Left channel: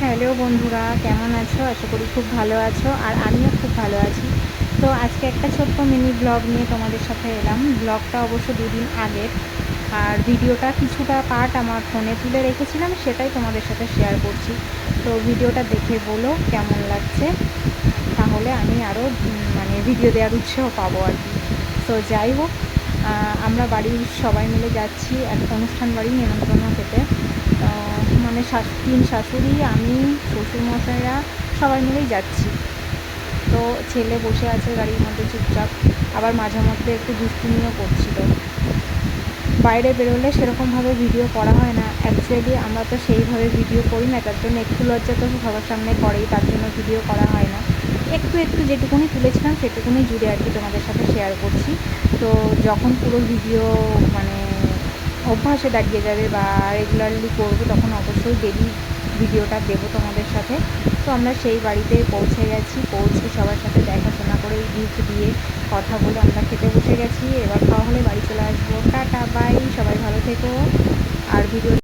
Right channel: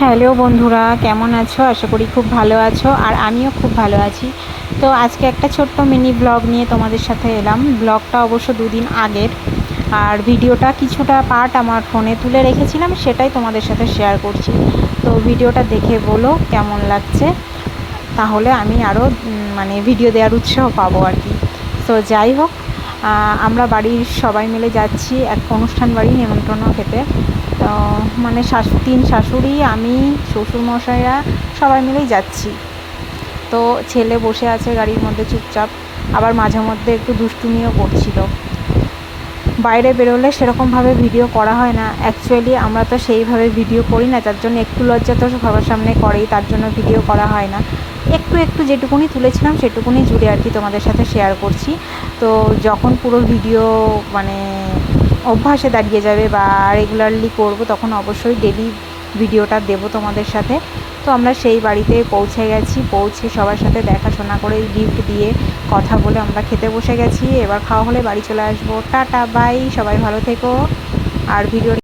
Hello বন্ধুরা, কেমন আছো? আশা করি খুব ভালো আছো, আর আমিও খুব ভালো আছি। তো আজকে একটা ছোট্ট মিনি ব্লগ নিয়ে তোমাদের সাথে এলাম। ব্লগটা অবশ্য দুদিন আগের, আর ভিডিওটা কিছুটা পার্ট আমার ফোনে তুলে রেখেছিলাম, সেটাই তোমাদের সাথে শেয়ার করছি। তো ভিডিওটা দেখে বলো কেমন লাগছে, তাহলে আমি আরও মানে ভিডিও দেওয়ার উৎসাহ পাবো আর কি। তো যাই হোক, আমরা বাড়ির সবাই মিলে যাচ্ছি এক অনুষ্ঠান বাড়ি নিমন্ত্রণ খেতে। তো মানে তিন শাশুড়ি, আমি, শ্বশুরমশাইরা সবাই মিলেই যাচ্ছি। তো ছেলে বসে আছে গাড়ির মধ্যে চুপচাপ, আবার মাঝে মধ্যে একটু দুষ্টুমিও করছিল। বাইরে বেরোলে সেরকমভাবে ভিডিও করা হয় না, অ্যাকচুয়ালি আমরা তো সেইভাবে ভিডিও করি না, যার জন্য একটু লজ্জা তো সবার সামনে করেই, তার জন্য ভিডিও করা হয় না। একটু একটু যেটুকুনি তুলেছিলাম সেটুকুনি জুড়ে আর কি তোমাদের সাথে শেয়ার করছি। তো যখন পুরো ভিডিও মানে অভ্যাসে দাঁড়িয়ে যাবে বা রেগুলারলি করব, তখন অবশ্যই ডেলি ভিডিওটা দেবো তোমাদের সাথে। তো আমরা সেই বাড়িতে পৌঁছে গেছি, পৌঁছে সবার সাথে দেখাশোনা করে গিফট দিয়ে কথা বলে আমরা খেতে বসে গেছি। এবার খাওয়া হলে বাড়ি চলে আসবো। টাটা, বাই, সবাই ভালো থেকো। আর ভিডিও